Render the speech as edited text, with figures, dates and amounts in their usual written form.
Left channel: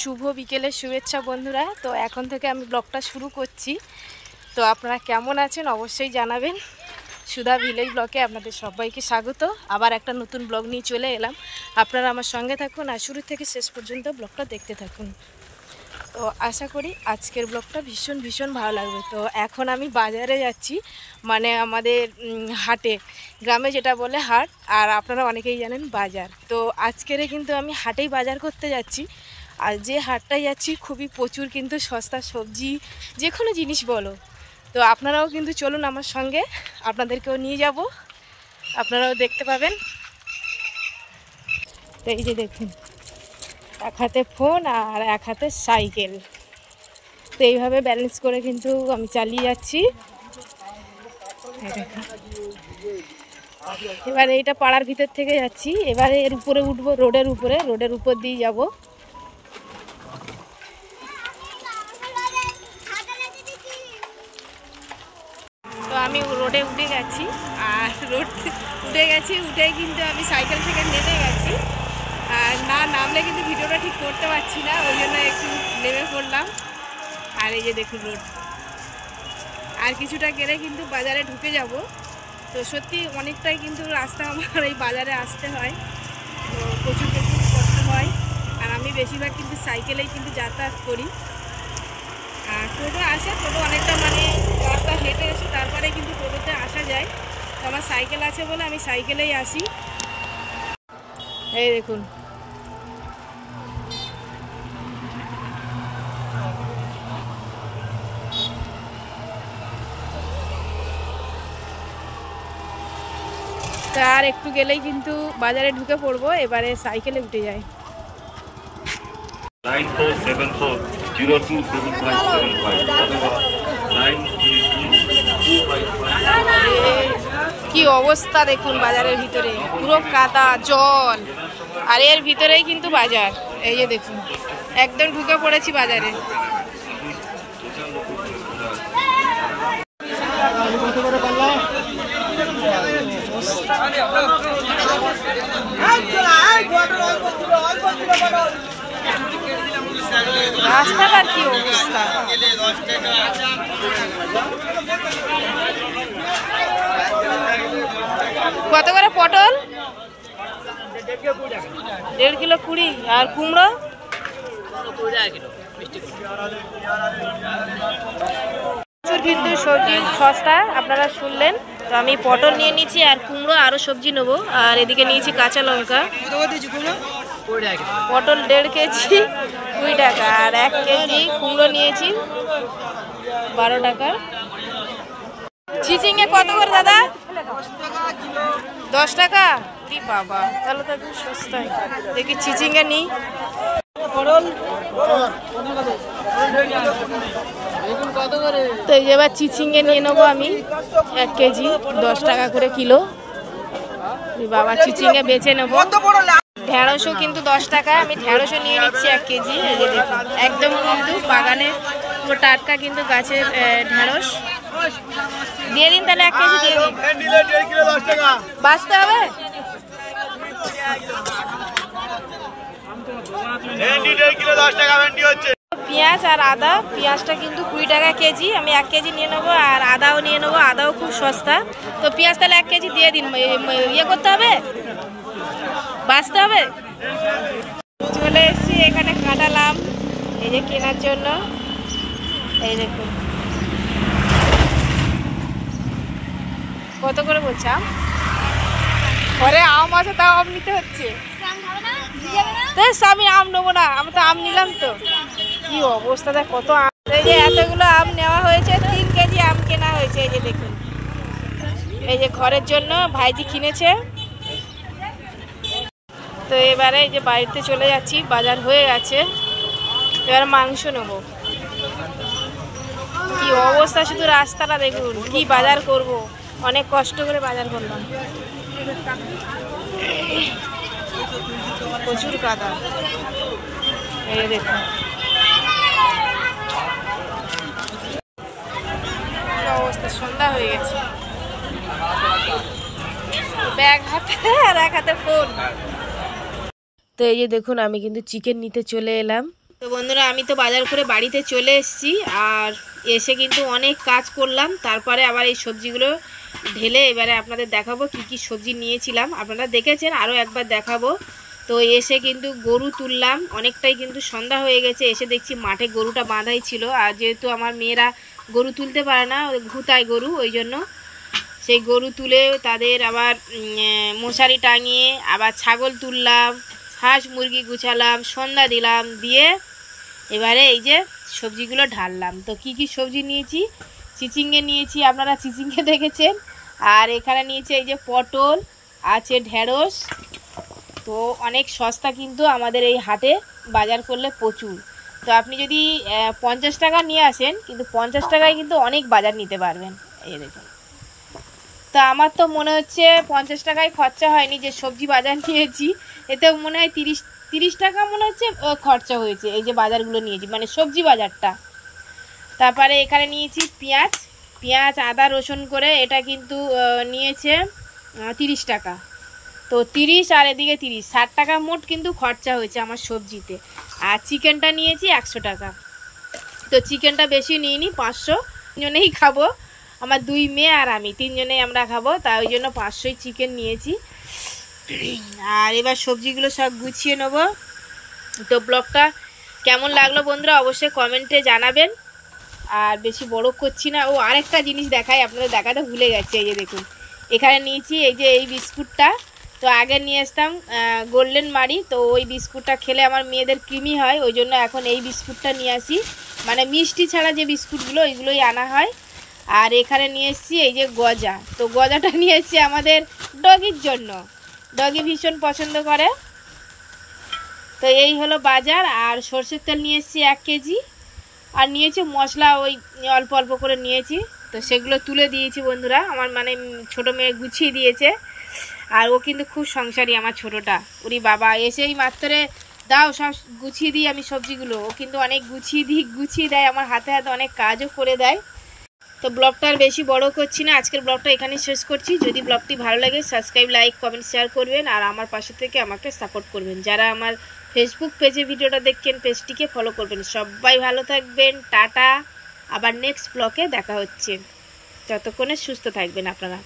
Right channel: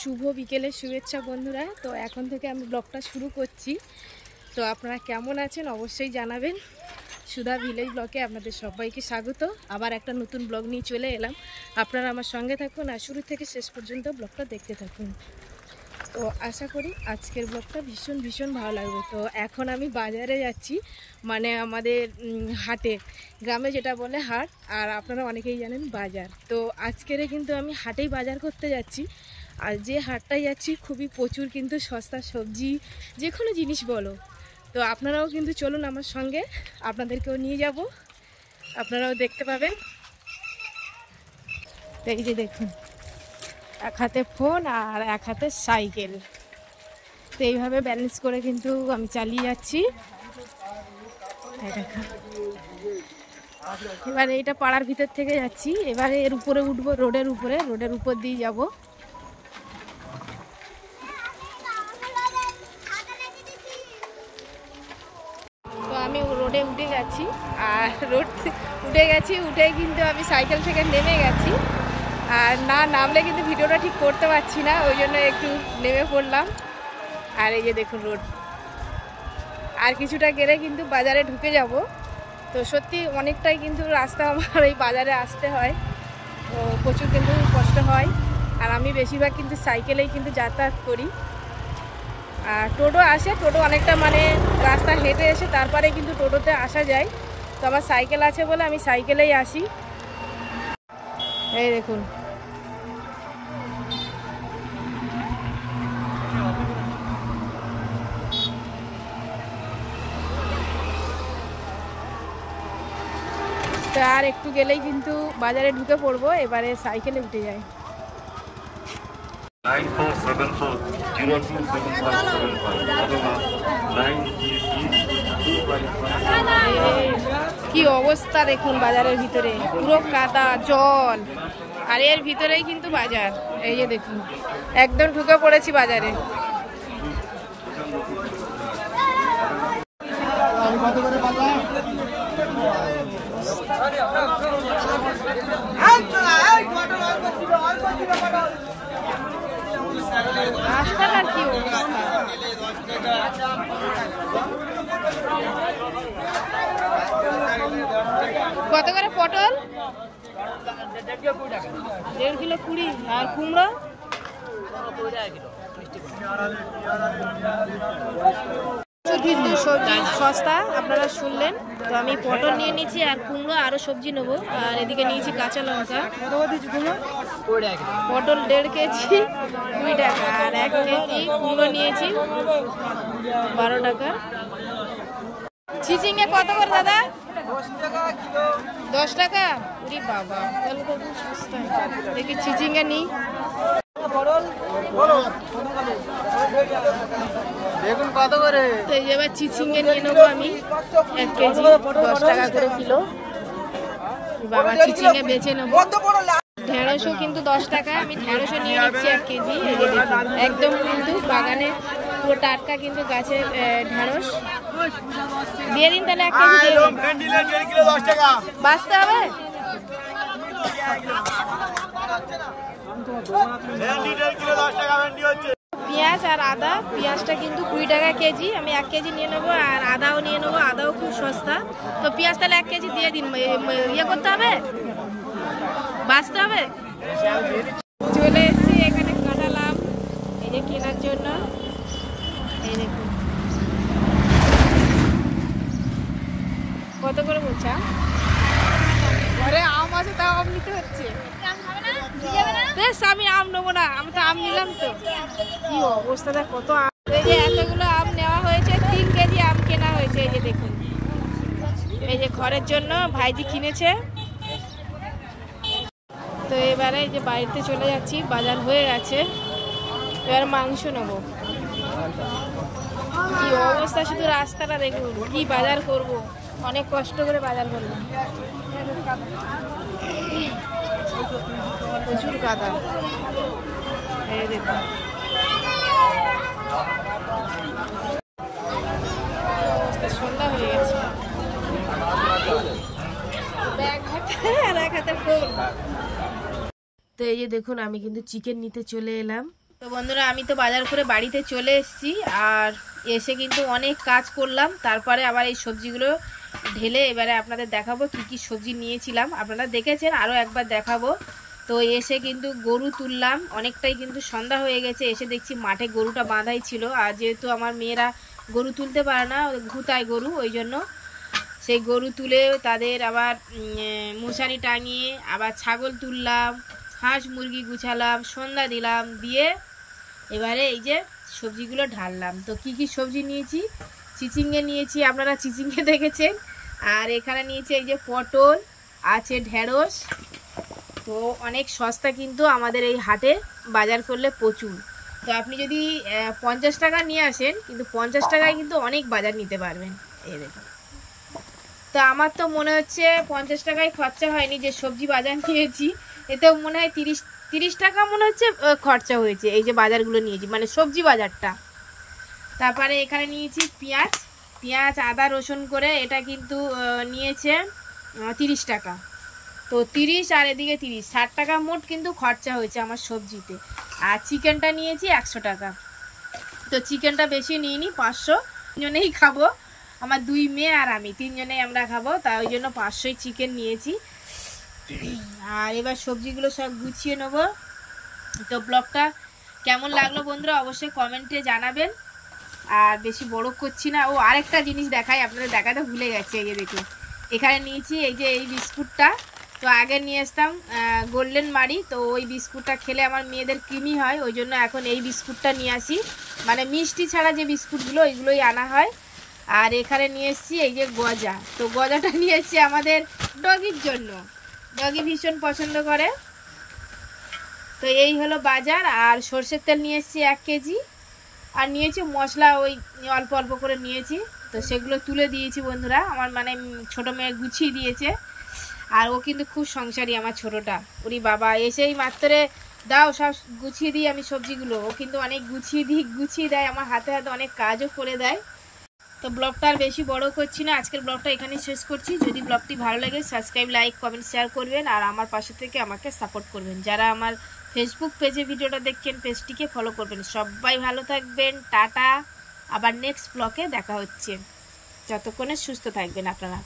শুভ বিকেলের শুভেচ্ছা বন্ধুরা। তো এখন থেকে আমি ব্লগটা শুরু করছি। তো আপনারা কেমন আছেন অবশ্যই জানাবেন। সুধা ভিলেজ ব্লগে আপনাদের সবাইকে স্বাগত। আবার একটা নতুন ব্লগ নিয়ে চলে এলাম। আপনারা আমার সঙ্গে থাকুন আর শুরু থেকে শেষ পর্যন্ত ব্লগটা দেখতে থাকুন। তো আশা করি আজকের ব্লগটা ভীষণ ভালো লাগবে। তো এখন আমি বাজারে যাচ্ছি, মানে আমাদের হাটে, গ্রামে যেটা বলে হাট, আর আপনারা অনেকেই জানেন বাজার। তো আজকেরে কিন্তু আমি হাটেই বাজার করতে যাচ্ছি। আর যে হাটটায় যাচ্ছি খুবই প্রচুর কিন্তু সস্তা সবজি, যে কোনো জিনিস বলো। তো আপনারাও কিন্তু চলুন আমার সঙ্গে, আপনাদেরকেও নিয়ে যাব, আপনারাও দেখতে পাবেন। তো এই যে দেখুন, এক হাতে ফোন আর এক হাতে সাইকেল, তো এইভাবে ব্যালেন্স করে কিন্তু আমি চালিয়ে যাচ্ছি। এবারে এইটা পাড়ার ভিতর থেকে যাচ্ছি, এবারে এর উপরে উঠবো, রোডের উপর দিয়ে যাব। তো আমি রোডে উঠে গেছি, আর উঠেই কিন্তু আমি সাইকেল থেকে নেমে গেছি। আর না নামলে কিন্তু ভিডিওটা ঠিক করতে পারছি না, ওই জন্য একটু নেমে পড়লাম। আর এই যে দেখুন রোড, আর কিছুটা গেলে কিন্তু বাজারে ঢুকে যাব। তো সত্যি অনেকটাই কিন্তু রাস্তা আমার এই বাজারে আসতে হয়, তো প্রচুর কিন্তু কষ্ট হয়। আর আমি বেশিরভাগ কিন্তু সাইকেলেই কিন্তু যাতায়াত করি। আর টোটো আসে, টোটো অনেকটা মানে রাস্তা হেঁটে এসে তারপরে কিন্তু টোটোতে আসা যায়। তো আমার সাইকেল আছে বলে আমি সাইকেলেই আসি। এই দেখুন, আর একটু গেলেই কিন্তু বাজারে ঢুকে পড়বো। এবারে সাইকেলে উঠে যাই। কি অবস্থা দেখুন বাজারের ভিতরে, পুরো কাদা জল, আর এর ভিতরেই কিন্তু বাজার। এই যে দেখুন, একদম ঢুকে পড়েছি বাজারে। রাস্তাটার কি অবস্থা, কত করে পটল? 1.5 কিলো 20, আর কুমড়ো কিন্তু সবজি সস্তা, আপনারা শুনলেন। তো আমি পটল নিয়ে নিচ্ছি, আর কুমড়ো আরও সবজি নেবো। আর এদিকে নিয়েছি কাঁচা লঙ্কা। পটল 1.5 কেজি 20 টাকা, আর 1 কেজি কুমড়ো নিয়েছি 12 টাকা। চিচিঙ্গা কত করে দাদা? 10 টাকা? ওরে বাবা, তাহলে তো একটু সস্তায়। দেখি চিচিঙ্গা নিই। তো এবার চিচিঙ্গা নিয়ে নেবো আমি 1 কেজি, 10 টাকা করে কিলো। বাবা চিচিঙ্গা বেছে নেবো। ঢেঁড়সও কিন্তু 10 টাকা, আমি ঢেঁড়সও নিয়ে নিচ্ছি 1 কেজি। এই যে দেখুন, একদম কিন্তু বাগানে পুরো টাটকা কিন্তু গাছের ঢেঁড়স। দিয়ে দিন তাহলে 1 কেজি দিয়ে দিন। বাঁচতে হবে। পেঁয়াজ আর আদা, পেঁয়াজটা কিন্তু 20 টাকা কেজি, আমি 1 কেজি নিয়ে নেবো। আর আদাও নিয়ে নেবো, আদাও খুব সস্তা। তো পেঁয়াজ তাহলে 1 কেজি দিয়ে দিন। ইয়ে করতে হবে, বাঁচতে হবে। চলে এসছি এখানে কাটালাম, এই যে কেনার জন্য। এই দেখুন কত করে বলছে আম। ঘরে আম আছে, তাও আম নিতে হচ্ছে। আমি আম নেবো না, আমি তো আম নিলাম। তো কি অবস্থা, দেখ কত আম। এই যে এতগুলো আম নেওয়া হয়েছে, 3 কেজি আম কেনা হয়েছে। এই যে দেখুন, এই যে ঘরের জন্য ভাইজি কিনেছে। তো এবারে এই যে বাড়িতে চলে যাচ্ছি, বাজার হয়ে গেছে। এবার মাংস নেবো। কি অবস্থা, শুধু রাস্তাটা দেখুন। কি বাজার করব, অনেক কষ্ট করে বাজার করলাম। প্রচুর কাদা, এই দেখুন। অবস্থা, সন্ধ্যা হয়ে গেছে। ব্যাগ হাতে আর এক হাতে ফোন। তো এই যে দেখুন, আমি কিন্তু চিকেন নিতে চলে এলাম। তো বন্ধুরা আমি তো বাজার করে বাড়িতে চলে এসেছি, আর এসে কিন্তু অনেক কাজ করলাম। তারপরে আবার এই সবজিগুলো ঢেলে এবারে আপনাদের দেখাবো কি কি সবজি নিয়েছিলাম। আপনারা দেখেছেন, আরও একবার দেখাবো। তো এসে কিন্তু গরু তুললাম, অনেকটাই কিন্তু সন্ধ্যা হয়ে গেছে। এসে দেখছি মাঠে গরুটা বাঁধাই ছিল, আর যেহেতু আমার মেয়েরা গরু তুলতে পারে না, ঘুতায় গরু, ওই জন্য সেই গরু তুলে তাদের আবার মশারি টাঙিয়ে আবার ছাগল তুললাম, হাঁস মুরগি গুছালাম, সন্ধ্যা দিলাম, দিয়ে এবারে এই যে সবজিগুলো ঢাললাম। তো কি কি সবজি নিয়েছি, চিচিঙ্গে নিয়েছি, আপনারা চিচিঙ্গে দেখেছেন। আর এখানে নিয়েছি এই যে পটল, আছে ঢেঁড়স। তো অনেক সস্তা কিন্তু আমাদের এই হাটে বাজার করলে প্রচুর। তো আপনি যদি 50 টাকা নিয়ে আসেন, কিন্তু 50 টাকায় কিন্তু অনেক বাজার নিতে পারবেন। এই দেখুন, তো আমার তো মনে হচ্ছে 50 টাকায় খরচা হয়নি, যে সবজি বাজার নিয়েছি এতেও মনে হয় 30 টাকা মনে হচ্ছে খরচা হয়েছে। এই যে বাজারগুলো নিয়েছি, মানে সবজি বাজারটা। তারপরে এখানে নিয়েছি পেঁয়াজ আদা রসুন করে, এটা কিন্তু নিয়েছে 30 টাকা। তো 30 আর এদিকে 30, 60 টাকা মোট কিন্তু খরচা হয়েছে আমার সবজিতে। আর চিকেনটা নিয়েছি 100 টাকা। তো চিকেনটা বেশি নিইনি, 500 জনেই খাবো, আমার 2 মেয়ে আর আমি, 3 জনেই আমরা খাবো, তাই ওই জন্য 500ই চিকেন নিয়েছি। আর এবার সবজিগুলো সব গুছিয়ে নেব। তো ব্লগটা কেমন লাগলো বন্ধুরা অবশ্যই কমেন্টে জানাবেন। আর বেশি বড় করছি না। ও আরেকটা জিনিস দেখাই, আপনাদের দেখাতে ভুলে গেছি। এই যে দেখুন, এখানে নিয়েছি এই যে এই বিস্কুটটা। তো আগে নিয়ে আসতাম গোল্ডেন মারি, তো ওই বিস্কুটটা খেলে আমার মেয়েদের কৃমি হয়, ওই জন্য এখন এই বিস্কুটটা নিয়ে আসি, মানে মিষ্টি ছাড়া যে বিস্কুটগুলো ওইগুলোই আনা হয়। আর এখানে নিয়ে এসেছি এই যে গজা। তো গজাটা নিয়ে এসেছি আমাদের ডগির জন্য, ডগি ভীষণ পছন্দ করে। তো এই হলো বাজার। আর সর্ষের তেল নিয়ে এসেছি 1 কেজি। আর নিয়েছি মশলা, ওই অল্প অল্প করে নিয়েছি। তো সেগুলো তুলে দিয়েছি বন্ধুরা, আমার মানে ছোটো মেয়ে গুছিয়ে দিয়েছে। আর ও কিন্তু খুব সংসারী আমার ছোটোটা, ওরি বাবা এসেই মাত্রে দাও সব গুছিয়ে দিই আমি সবজিগুলো। ও কিন্তু অনেক গুছিয়ে দেয়, আমার হাতে হাতে অনেক কাজও করে দেয়। তো ব্লগটা আর বেশি বড় করছি না, আজকের ব্লগটা এখানেই শেষ করছি। যদি ব্লগটি ভালো লাগে সাবস্ক্রাইব, লাইক, কমেন্ট, শেয়ার করবেন। আর আমার পাশে থেকে আমাকে সাপোর্ট করবেন। যারা আমার ফেসবুক পেজে ভিডিওটা দেখছেন, পেজটিকে ফলো করবেন। সবাই ভালো থাকবেন, টাটা। আবার নেক্সট ব্লগে দেখা হচ্ছে, ততক্ষণে সুস্থ থাকবেন আপনারা।